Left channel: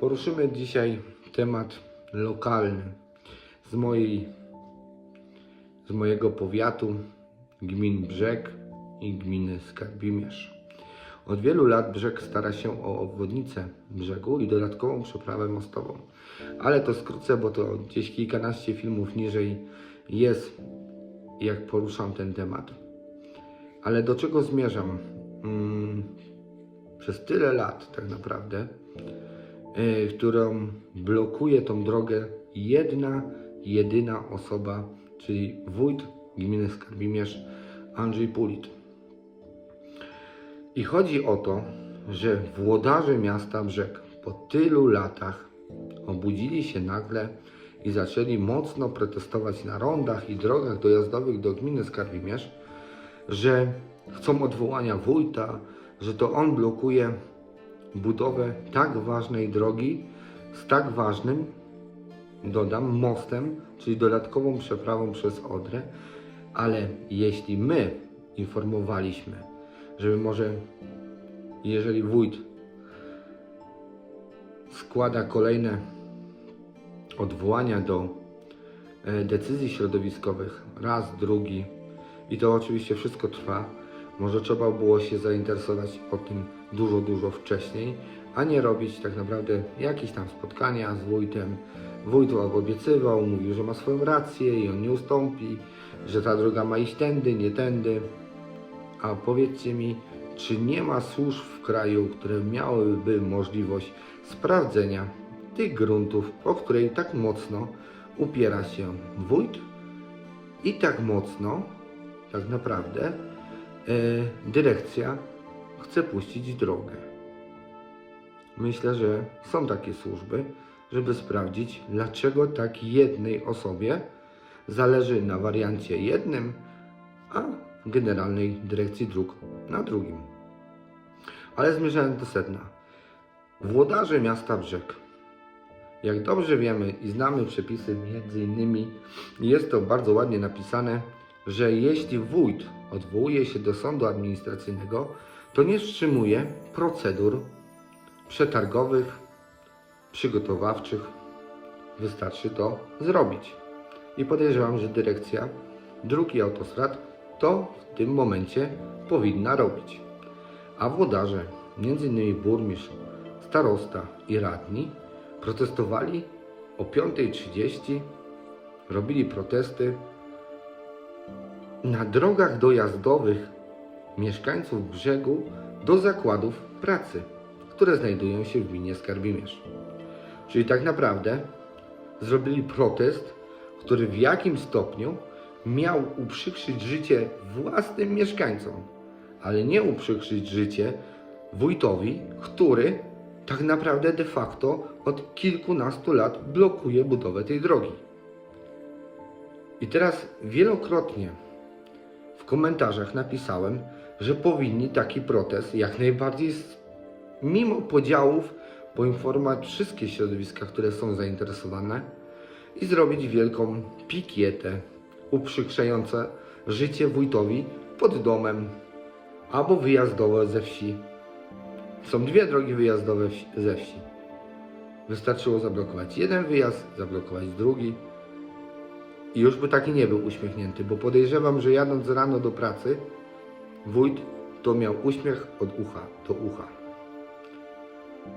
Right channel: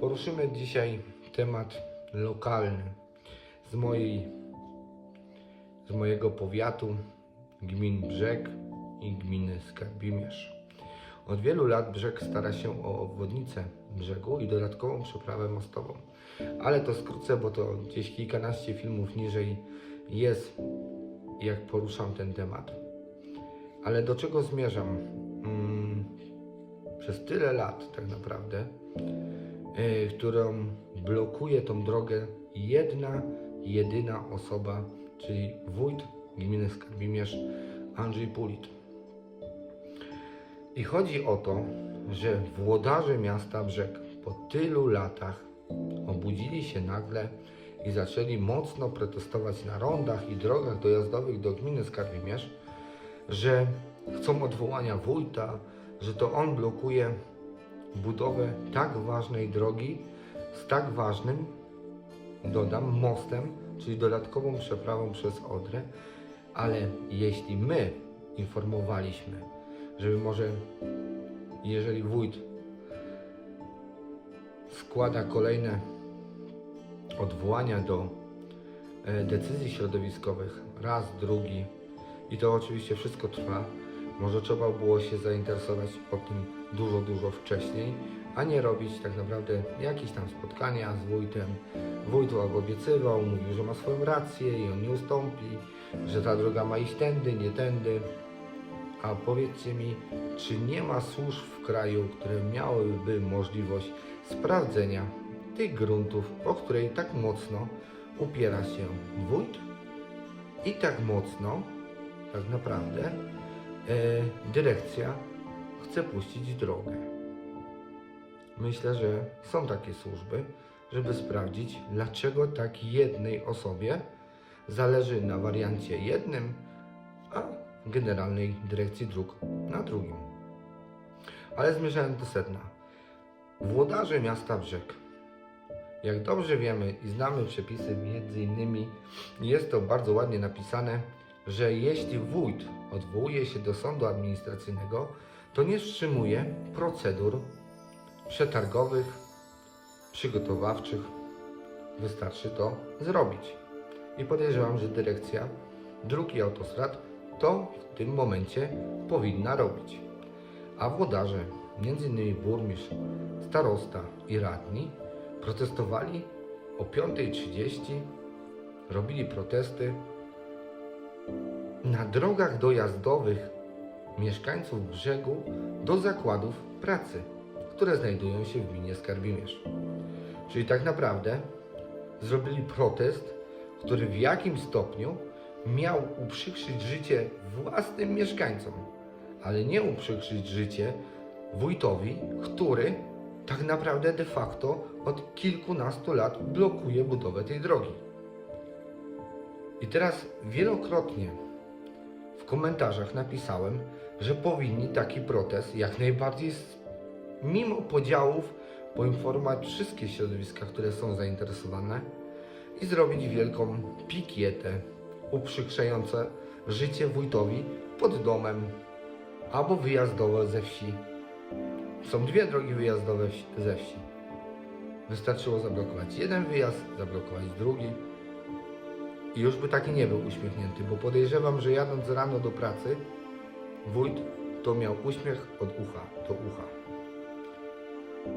Poruszymy dzisiaj temat lokalny z mojej z mojego powiatu gmin Brzeg i gminy Skarbimierz. Od wielu lat Brzeg stara się o obwodnicę brzegu i dodatkową przeprawę mostową. Ale to skrócę, bo to gdzieś kilkanaście filmów niżej jest, jak poruszam ten temat. Ale do czego zmierzam? Mm, przez tyle lat tak naprawdę, którą blokuje tą drogę jedna, jedyna osoba, czyli wójt gminy Skarbimierz Andrzej Pulit. I chodzi o to, że włodarze miasta Brzeg po tylu latach obudzili się nagle i zaczęli mocno protestować na rondach i drogach dojazdowych do gminy Skarbimierz, że chcą odwołania wójta, że to on blokuje budowę tak ważnej drogi z tak ważnym, dodam, mostem, czyli dodatkową przeprawą przez Odrę, ale jeśli my informowaliśmy, żeby może, jeżeli wójt składa kolejne odwołania do e, decyzji środowiskowych, raz, drugi, i to oczywiście wszystko trwa, może trzeba było się zainteresować o tym dużo, dużo wcześniej, a nie robić tak naprawdę jakieś tam spotkania z wójtem. Wójt obiecywał, mówił, że ma swoją rację i on nie ustąpi, że ta droga ma iść tędy, nie tędy. A powiedzcie mi, czy nie ma służb w kraju, które miałyby możliwość sprawdzenia tych gruntów, o której tak mocno upiera się wójt i tak mocno, tak naprawdę, e, dyrekcja chce puścić drogę. Myślę, że są takie służby, żeby sprawdzić, dlaczego tak jednej osobie zależy na wariancie jednym, a Generalnej Dyrekcji Dróg na drugim. Ale zmierzając do sedna. Włodarze miasta Brzeg. Jak dobrze wiemy i znamy przepisy, między innymi jest to bardzo ładnie napisane, że jeśli wójt odwołuje się do sądu administracyjnego, to nie wstrzymuje procedur przetargowych, przygotowawczych. Wystarczy to zrobić. I podejrzewam, że dyrekcja dróg i autostrad to w tym momencie powinna robić. A włodarze, m.in. burmistrz, starosta i radni, protestowali o 5.30, robili protesty na drogach dojazdowych mieszkańców brzegu do zakładów pracy, które znajdują się w gminie Skarbimierz. Czyli tak naprawdę zrobili protest, który w jakim stopniu miał uprzykrzyć życie własnym mieszkańcom, ale nie uprzykrzyć życie wójtowi, który tak naprawdę de facto od kilkunastu lat blokuje budowę tej drogi. I teraz wielokrotnie w komentarzach napisałem, że powinni taki protest jak najbardziej, mimo podziałów, poinformować wszystkie środowiska, które są zainteresowane i zrobić wielką pikietę uprzykrzające życie wójtowi pod domem albo wyjazdowe ze wsi. Są dwie drogi wyjazdowe ze wsi. Wystarczyło zablokować jeden wyjazd, zablokować drugi i już by taki nie był uśmiechnięty, bo podejrzewam, że jadąc rano do pracy, wójt to miał uśmiech od ucha do ucha.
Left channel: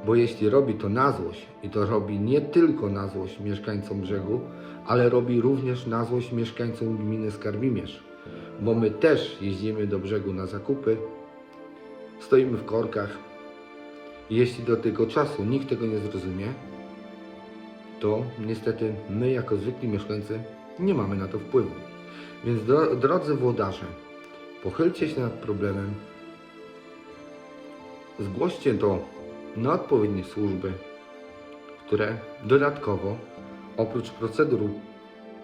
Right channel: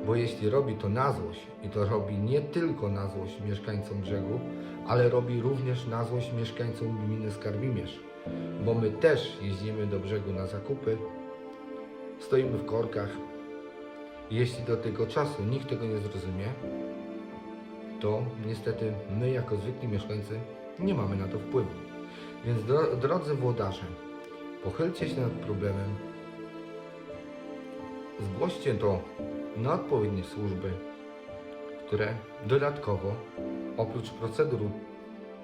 Bo jeśli robi to na złość, i to robi nie tylko na złość mieszkańcom brzegu, ale robi również na złość mieszkańcom gminy Skarbimierz, bo my też jeździmy do brzegu na zakupy, stoimy w korkach. Jeśli do tego czasu nikt tego nie zrozumie, to niestety my jako zwykli mieszkańcy nie mamy na to wpływu. Więc dro, drodzy włodarze, pochylcie się nad problemem, zgłoście to na odpowiednie służby, które dodatkowo, oprócz procedur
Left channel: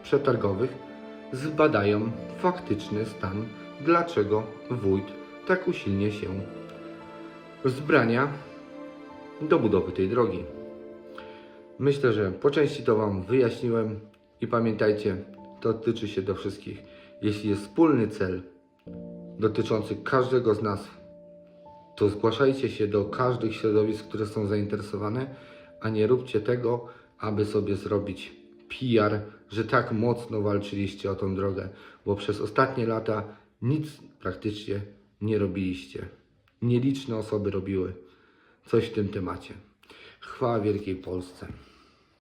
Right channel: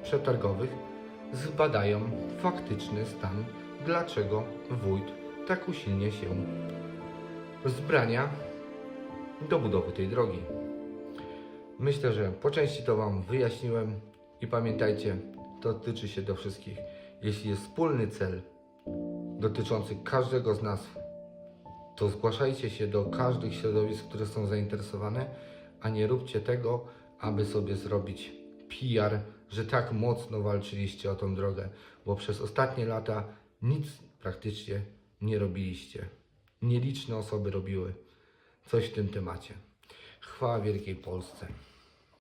przetargowych, zbadają faktyczny stan, dlaczego wójt tak usilnie się wzbrania do budowy tej drogi. Myślę, że po części to Wam wyjaśniłem i pamiętajcie, to tyczy się do wszystkich. Jeśli jest wspólny cel dotyczący każdego z nas, to zgłaszajcie się do każdych środowisk, które są zainteresowane, a nie róbcie tego, aby sobie zrobić PR, że tak mocno walczyliście o tą drogę, bo przez ostatnie lata nic praktycznie nie robiliście. Nieliczne osoby robiły coś w tym temacie. Chwała Wielkiej Polsce.